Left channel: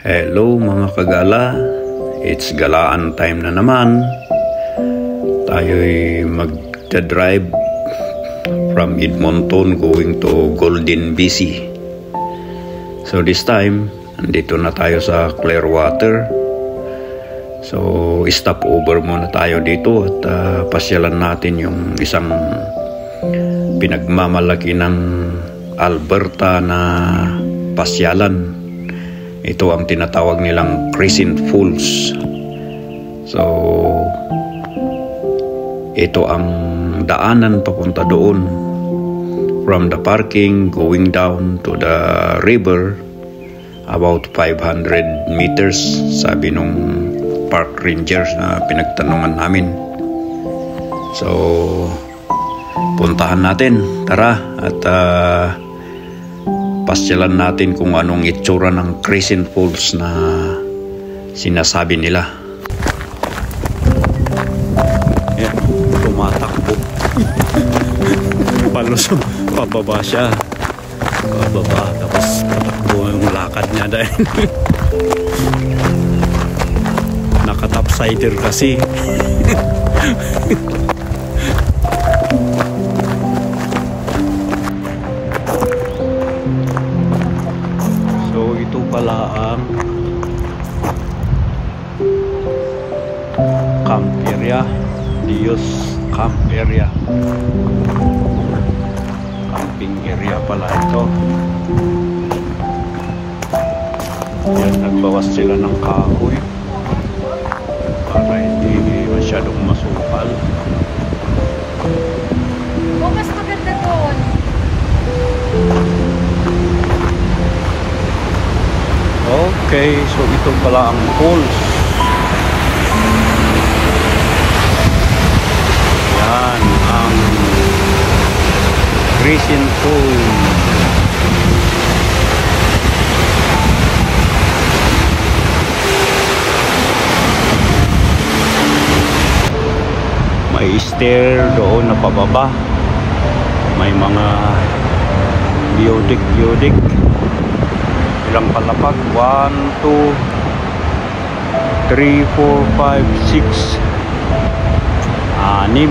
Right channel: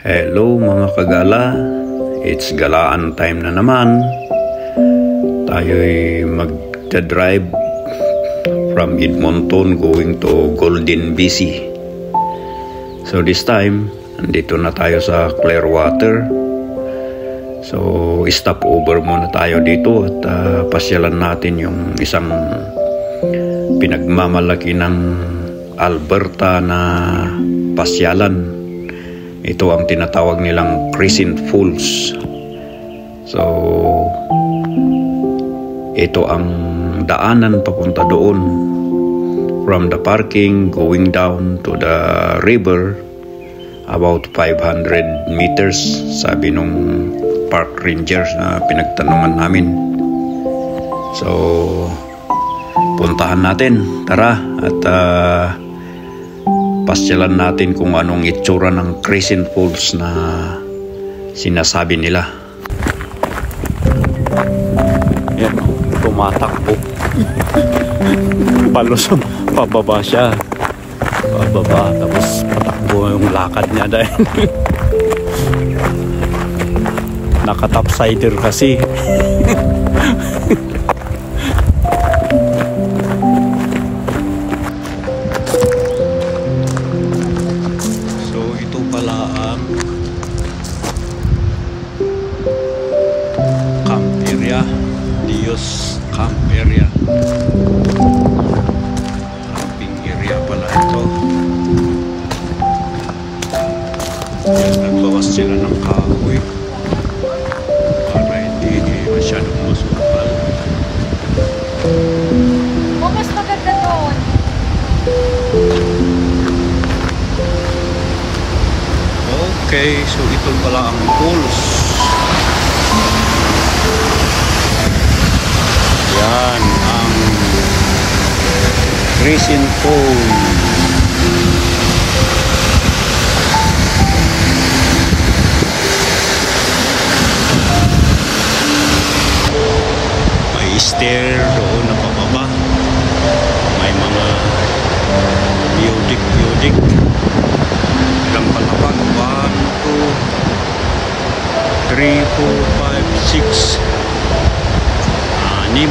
Hello mga kagala, it's galaan time na naman. Tayo'y magta-drive from Edmonton going to Golden, BC. So this time, andito na tayo sa Clearwater. So stop over muna tayo dito at pasyalan natin yung isang pinagmamalaki ng Alberta na pasyalan. Ito ang tinatawag nilang Crescent Falls. So, ito ang daanan papunta doon. From the parking, going down to the river, about 500 meters, sabi nung park rangers na pinagtanungan namin. So, puntahan natin. Tara, at pasyalan natin kung anong itsura ng Crescent Falls na sinasabi nila. Yan, tumatakbo. Palusong, pababa siya. Pababa, tapos patakbo yung lakad niya dahil nakatopsider kasi. Pala ang camp area, Dios camp area, camping area pala ito. Yan, nagbawas sila ng kahoy para hindi masyadong masupal. Mas maganda doon. Okay, so ito pala ang falls. Yan ang Crescent Falls. May stair doon na pababa. May mga biodik. Ilang palapag? 1, 2, 3, 4, 5, 6, 6.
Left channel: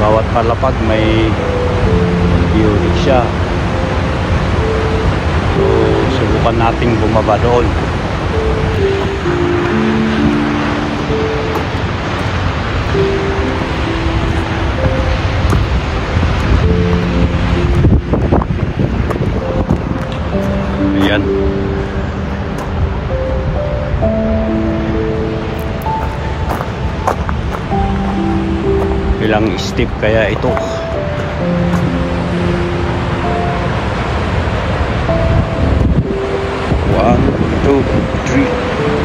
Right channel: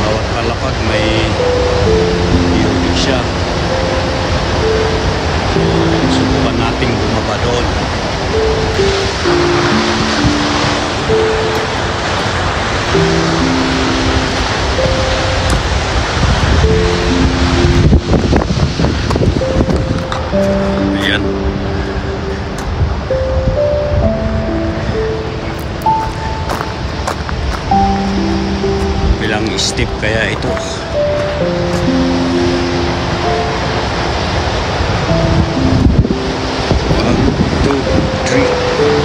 Bawat palapag may biodik siya. So, subukan nating bumaba doon. Ayan. Ilang step kaya ito? 1, 2, 3,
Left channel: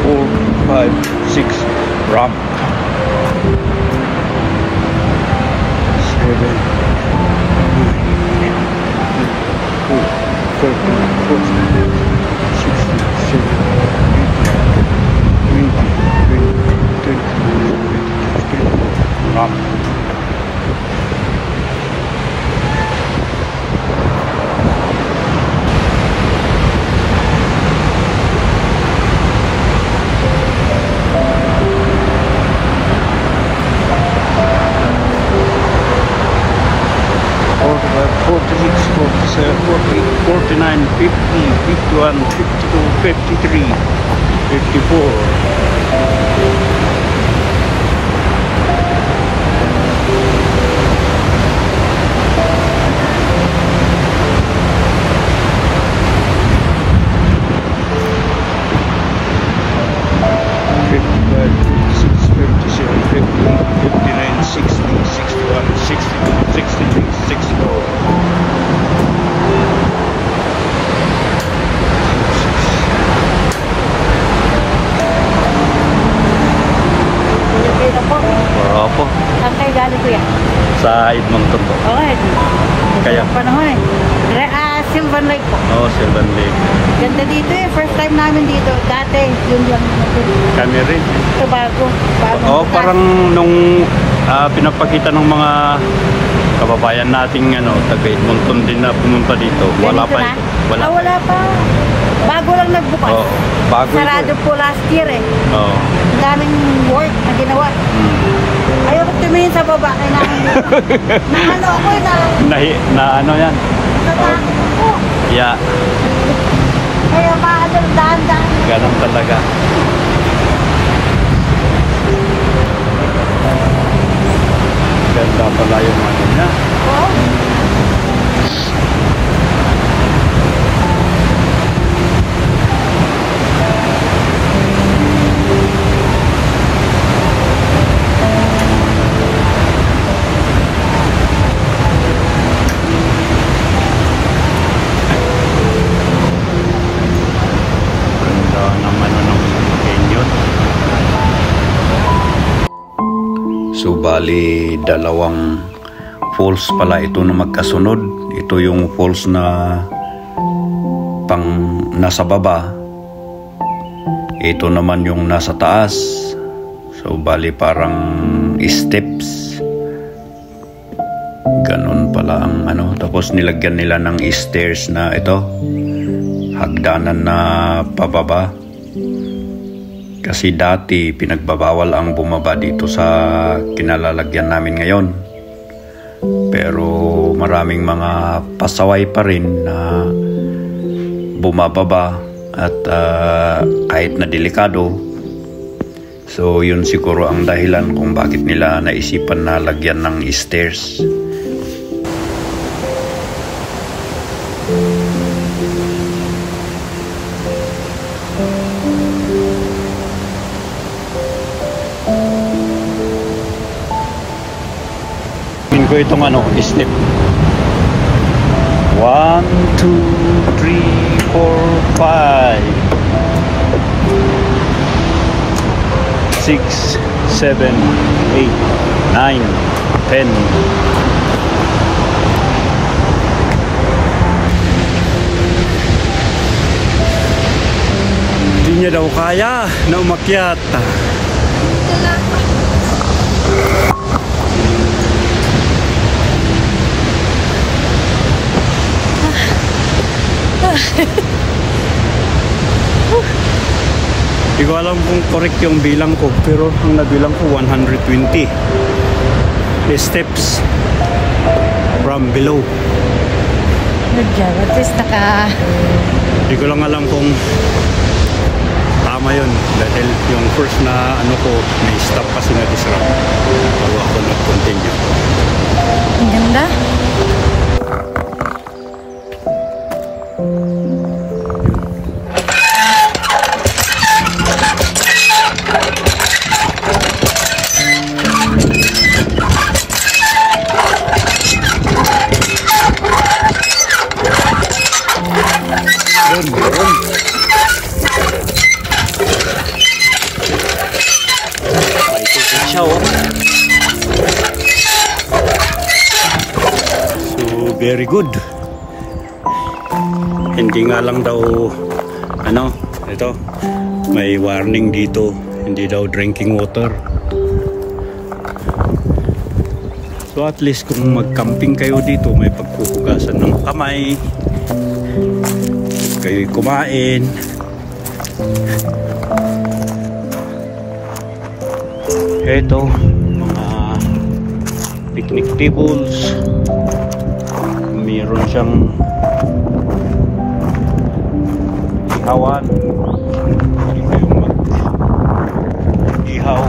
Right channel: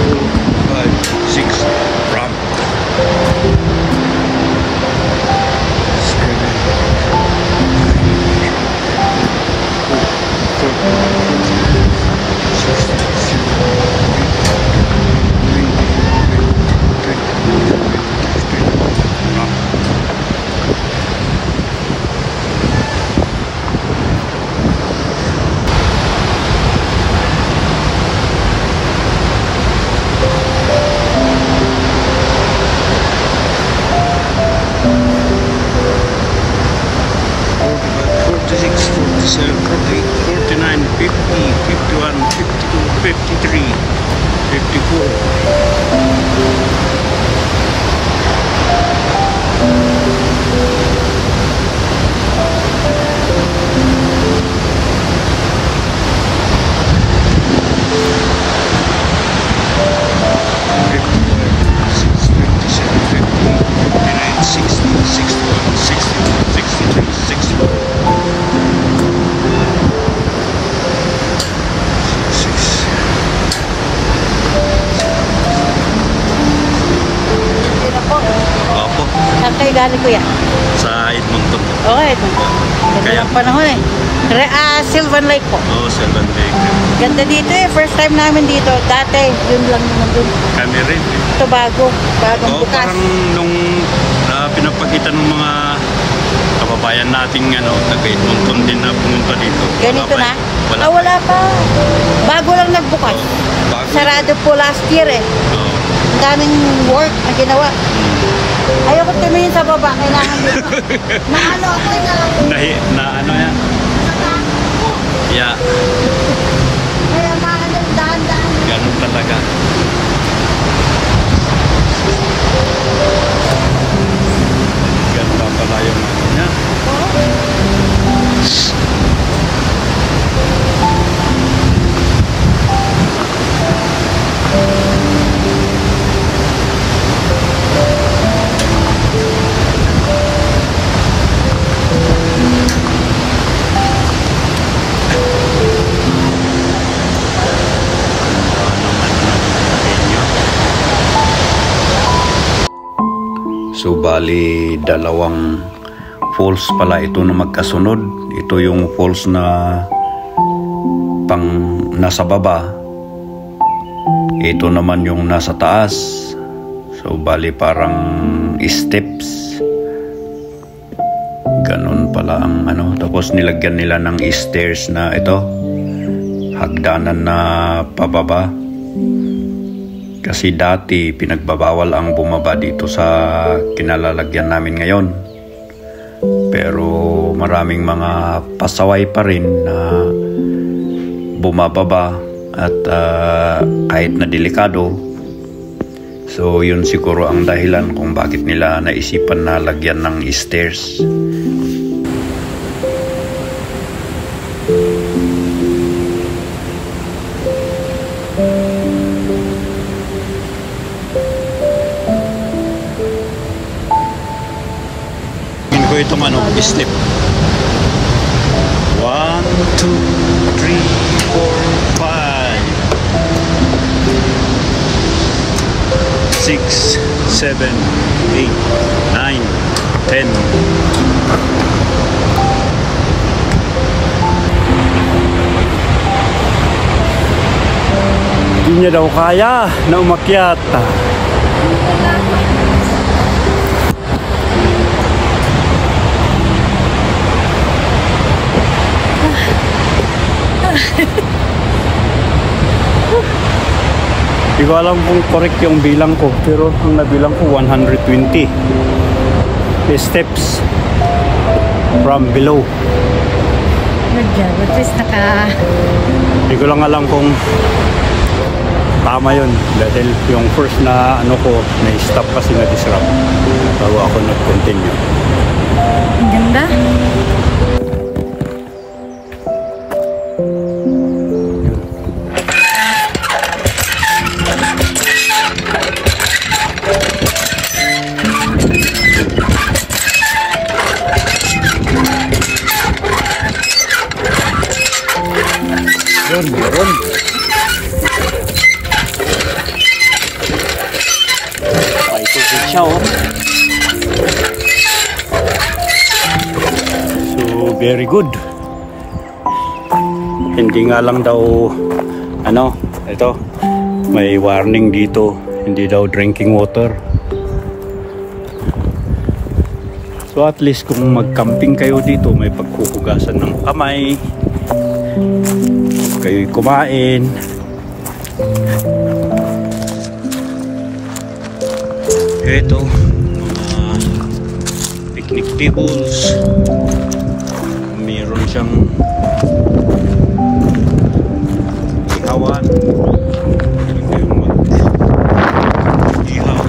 4, 5, 6. Ramp. 7, 48, 49, 50, 51, 52, 53, 54. Sa Edmonton po. Okay. Kaya? Panahon eh. Sylvan Lake po. Oh, Sylvan Lake. Ganda dito eh. First time namin dito. Dati, yun lang. Kami rin eh. Ito bago. Oh, parang nung pinapakita ng mga kababayan nating taga Edmonton din na pumunta dito. Wala pa ito. Wala pa. Bago lang Bago ito Sarado po last year eh. Oo. Ang daming work na ginawa. Ayoko tumingin sa baba. Kailangan na ano ako Na ano yan? natatakot ako. Yeah. Kaya maalam dahan-dahan. Ganun talaga. Ganda pala yung ano niya. Ganda ng ano ng canyon. So bali dalawang falls pala ito na magkasunod. Ito yung falls na pang nasa baba. Ito naman yung nasa taas. So bali parang steps. Ganon pala ang ano. Tapos nilagyan nila ng stairs na ito. Hagdanan na pababa. Kasi dati pinagbabawal ang bumaba dito sa kinalalagyan namin ngayon. Pero maraming mga pasaway pa rin na bumababa at kahit na delikado. So yun siguro ang dahilan kung bakit nila naisipan na lagyan ng stairs. Ko itong ano, step 1, 2, 3, 4, 5 6, 7, 8, 9, 10. Hindi niya daw kaya na umakyat. Hindi ko alam kung correct yung bilang ko, pero ang nabilang ko 120 steps from below. What is Hindi ko lang alam kung tama yun, dahil yung first na ano ko na-stop kasi na-disrupt bago ako nag-continue. Ang ganda. Meron. May tubig siya, oh. So, very good. Hindi nga lang daw, ano, ito, may warning dito. Hindi daw drinking water. So, at least kung mag-camping kayo dito, may pagkuhugasan ng kamay. Kayo'y kumain. Ito, mga picnic tables. Meron siyang ihawan. Pwede kayong mag-ihaw.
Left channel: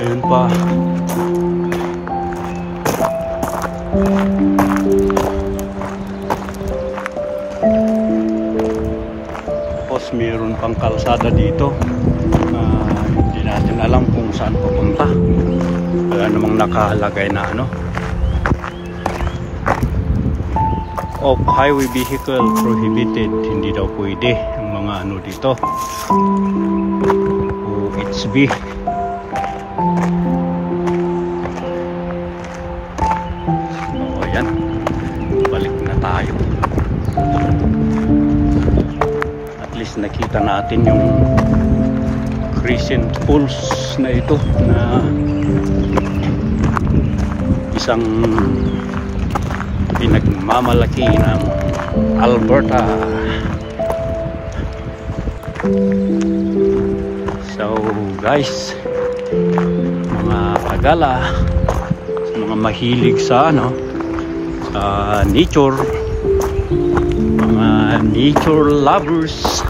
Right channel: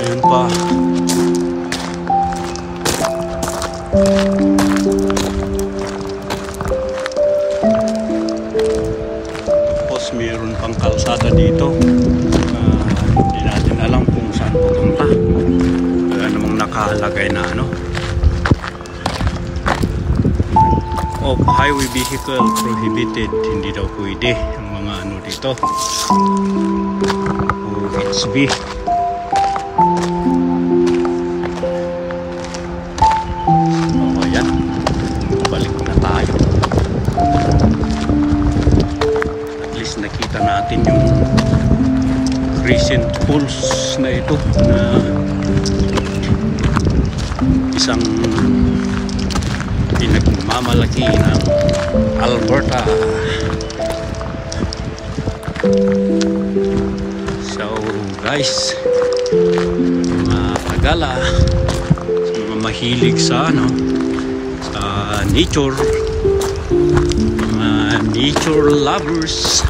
Ayun pa. Tapos mayroon pang kalsada dito. Hindi natin alam kung saan papunta. Wala namang nakalagay na ano. Of highway vehicle prohibited. Hindi daw pwede ang mga ano dito. O HB. O yan. Balik na tayo. At least nakita natin yung crescent pools na ito na isang pinagmamalaki ng Alberta. So guys, mga tagala, mga mahilig sa sa nature, mga nature lovers,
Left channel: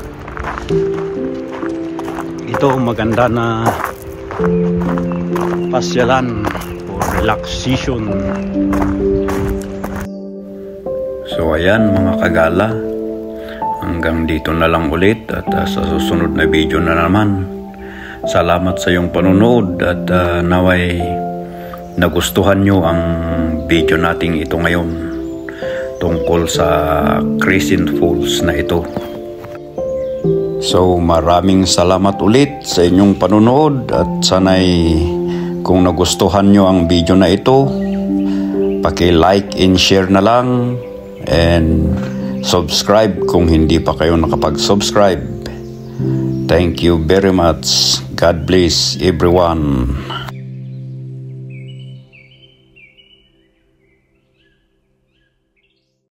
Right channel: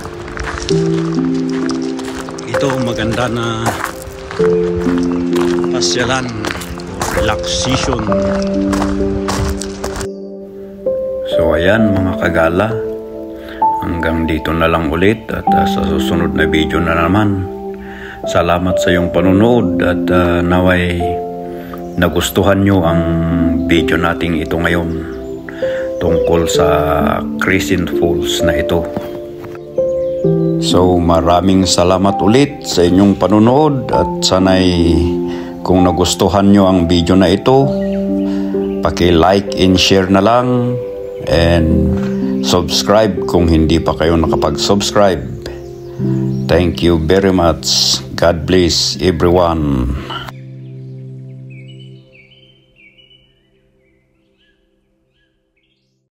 ito maganda na pasyalan or relaxation. So ayan mga kagala, hanggang dito na lang ulit at sa susunod na video na naman. Salamat sa iyong panonood at naway nagustuhan nyo ang video nating ito ngayon tungkol sa Crescent Falls na ito. So maraming salamat ulit sa inyong panonood at sanay kung nagustuhan nyo ang video na ito, paki-like and share na lang and subscribe kung hindi pa kayo nakapag-subscribe. Thank you very much. God bless everyone.